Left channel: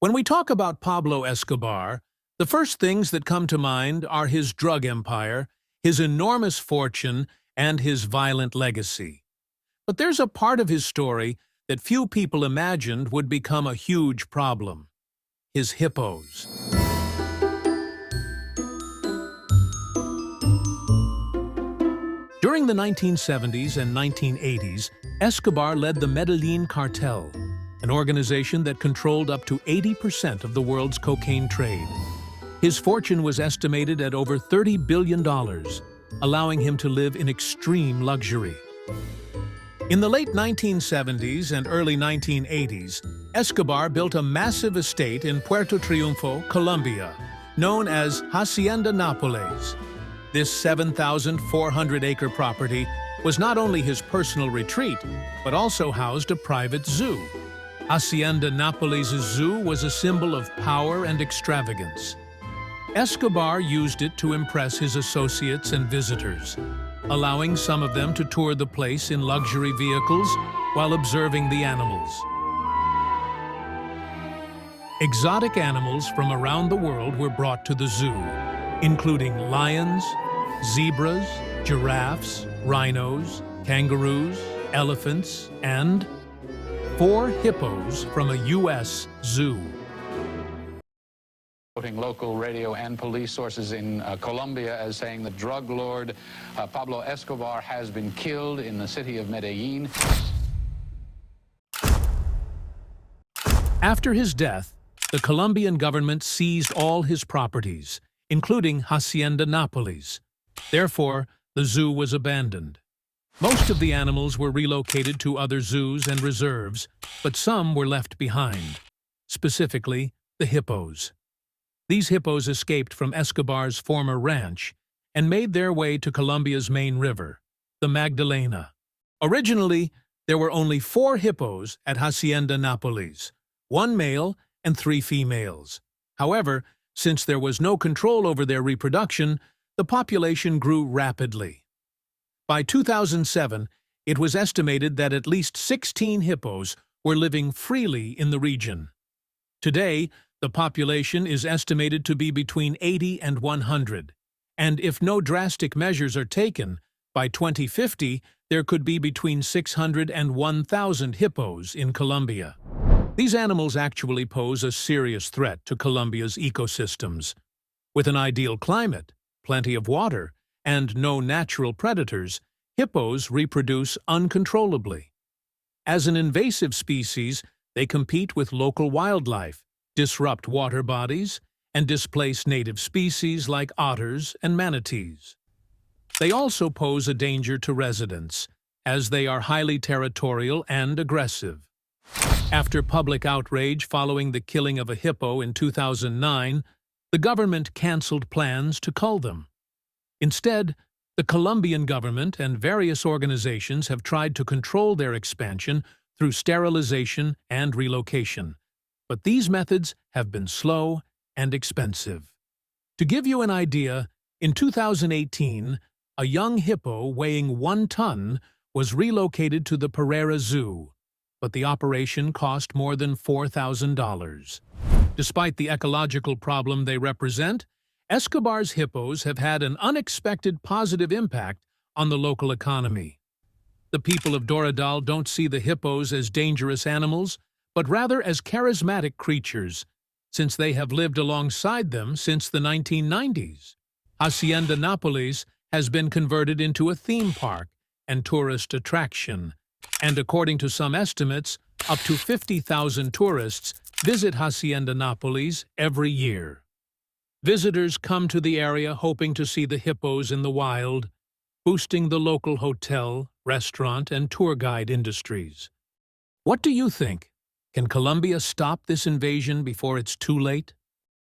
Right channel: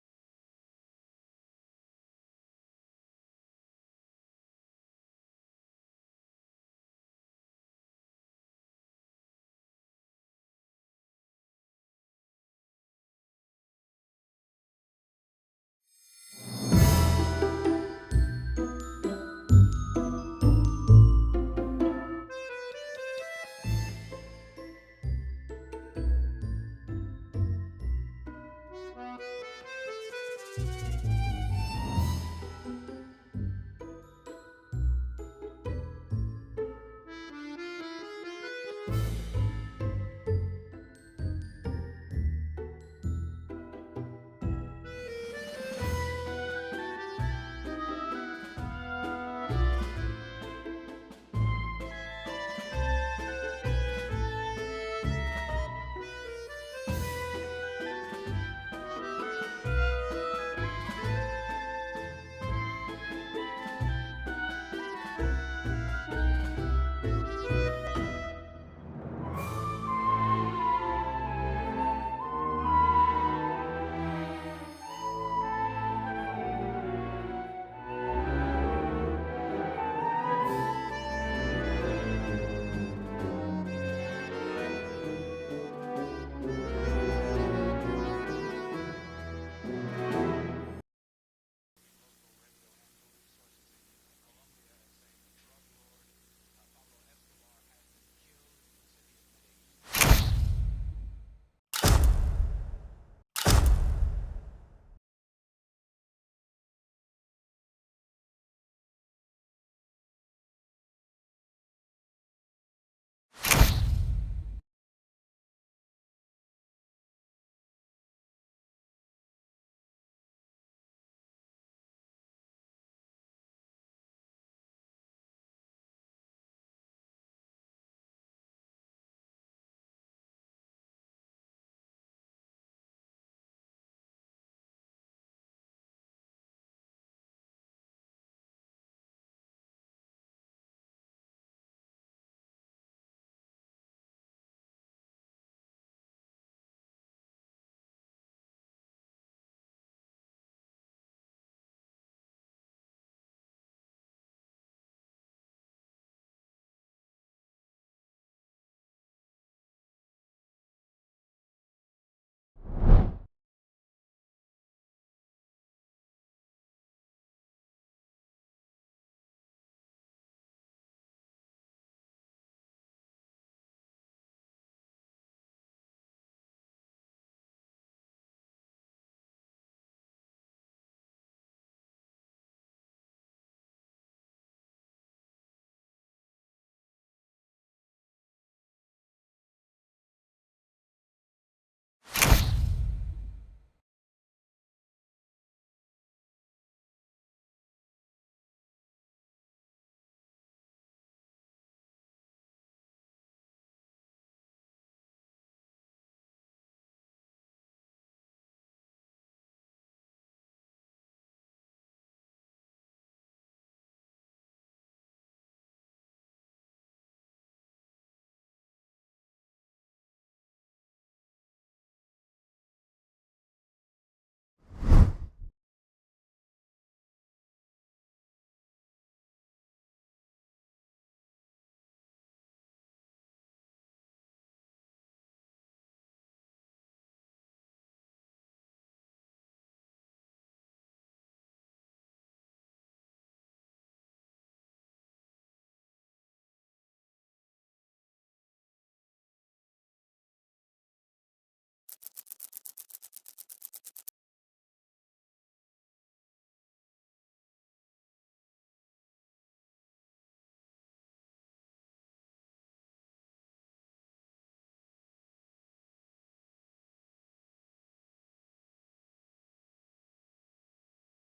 When we talk about Pablo Escobar, the first things that come to mind are his drug empire, his enormous fortune, and his violent legacy. But there's a part of his story that few people imagined would become a huge problem: his hippos. During the 1970s and 1980s, Escobar led the Medellin cartel, an organization that controlled up to 80% of the world's cocaine trade. His fortune was estimated at over $30 billion, allowing him to live in extreme luxury. In the late 1970s and early 1980s, Escobar built a massive estate in Puerto Triunfo, Colombia, known as Hacienda Nápoles. This 7,400-acre property was not only his personal retreat, but also housed a private zoo. Hacienda Nápoles' zoo was a symbol of power and extravagance. Escobar used it to impress his associates and visitors, allowing some of them to tour the place in luxury vehicles while observing the animals. Exotic animals from around the world were brought to the zoo, including lions, zebras, giraffes, rhinos, kangaroos, elephants, and 4 hippos from a U.S. zoo. Quoting local radio and police sources in Colombia as saying the drug lord Pablo Escobar has been killed in the city of Medellin. After his death, the Colombian government seized all his properties, including Hacienda Nápoles. Therefore, the zoo was abandoned. Most of the animals were relocated to other zoos and reserves, but some were left behind, specifically the hippos. These hippos escaped from Escobar's former ranch and made their way to Colombia's main river, the Magdalena. Originally, there were only 4 hippos at Hacienda Nápoles, 1 male and 3 females. However, since there was no control over their reproduction, the population grew rapidly. By 2007, it was estimated that at least 16 hippos were living freely in the region. Today, the population is estimated to be between 80 and 100, and if no drastic measures are taken, by 2050 there could be between 600 and 1,000 hippos in Colombia. These animals actually pose a serious threat to Colombia's ecosystems. With an ideal climate, plenty of water, and no natural predators, hippos reproduce uncontrollably. As an invasive species, they compete with local wildlife, disrupt water bodies, and displace native species like otters and manatees. They also pose a danger to residents, as they are highly territorial and aggressive. After public outrage following the killing of a hippo in 2009, the government canceled plans to cull them. Instead, the Colombian government and various organizations have tried to control their expansion through sterilization and relocation. But these methods have been slow and expensive. To give you an idea, in 2018, a young hippo weighing 1 ton was relocated to the Pereira Zoo, but the operation cost more than $4,000. Despite the ecological problem they represent, Escobar's hippos have had an unexpected positive impact on the local economy. The people of Doradal don't see the hippos as dangerous animals, but rather as charismatic creatures, since they have lived alongside them since the 1990s. Hacienda Nápoles has been converted into a theme park and tourist attraction, and according to some estimates, up to 50,000 tourists visit Hacienda Nápoles every year. Visitors come to the area hoping to see the hippos in the wild, boosting the local hotel, restaurant, and tour guide industries. What do you think? Can Colombia stop this invasion before it's too late?